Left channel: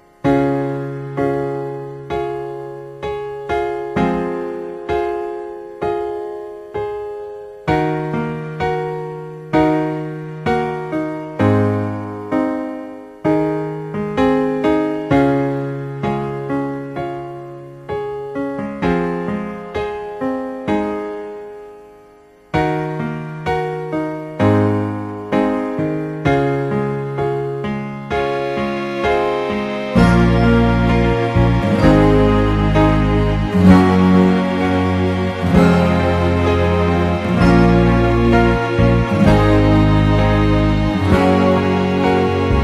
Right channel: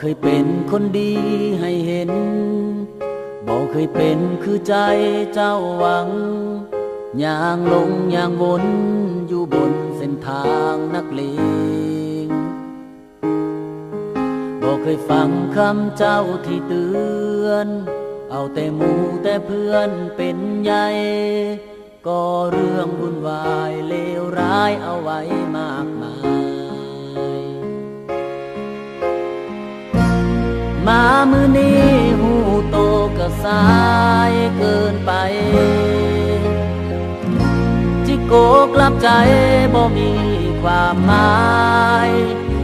เคยเป็นคนดีให้เห็นบ่เคยเป็นคือใจเจ้าหวังย่างลงย่างวนอยู่บนเส้นทางนักเลงบ่เคยฟังคำเจ้าที่เตือนเอาแต่หมู่แต่เพื่อนเป็นใหญ่ก็เรื่องวุ่นวายเลวร้ายเอาไว้มากมายมามื้อนี้หูโตก็สายเกินไปที่โกกลับใจบ่มีความหมาย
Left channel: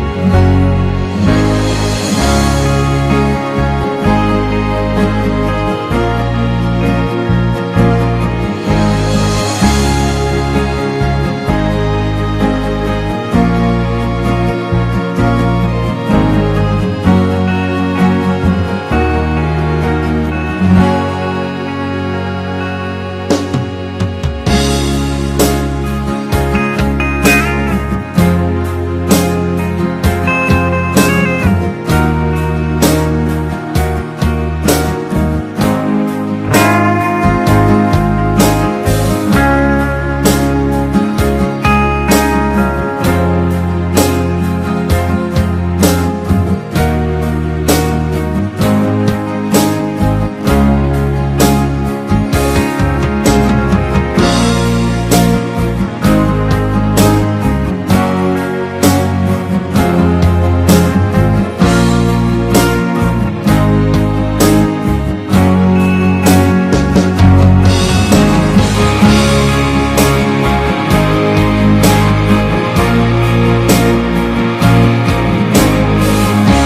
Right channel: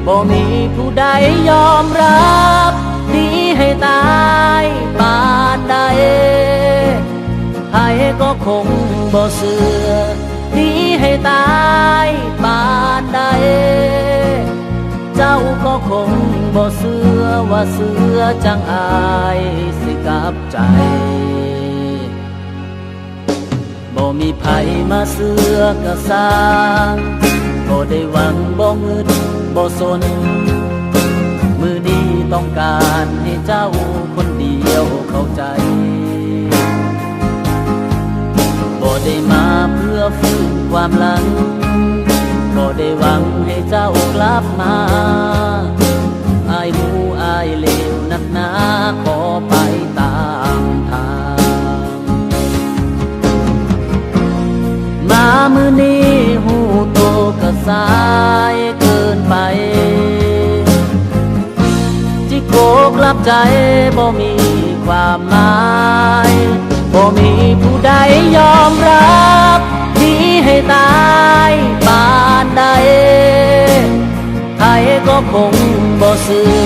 บ่มีผู้ใดยอมรับหนีให้ตายปานใดใครก็คงบ่เชื่อหนีให้ตายปานใดเจ้าก็คงบ่เชื่อว่าเสือจังอายสิกลับใจบ่มีไผมาเสือกระสางบ่ได้หวังบ่เงินบ่สนมือดีต้องการให้เจ้าคนเดียวเข้าใจบ่ได้มาเพื่อฟื้นความหลังบ่ได้หวังให้เจ้ากลับมาอายรู้อายเลวนักหนาขอไปตามทางมามื้อนี้หูโตก็สายเกินไปที่โกกลับใจบ่มีความหมายบ่มีผู้ใดยอมรับหนีให้ตายปานใดใครก็คงบ่เชื่อ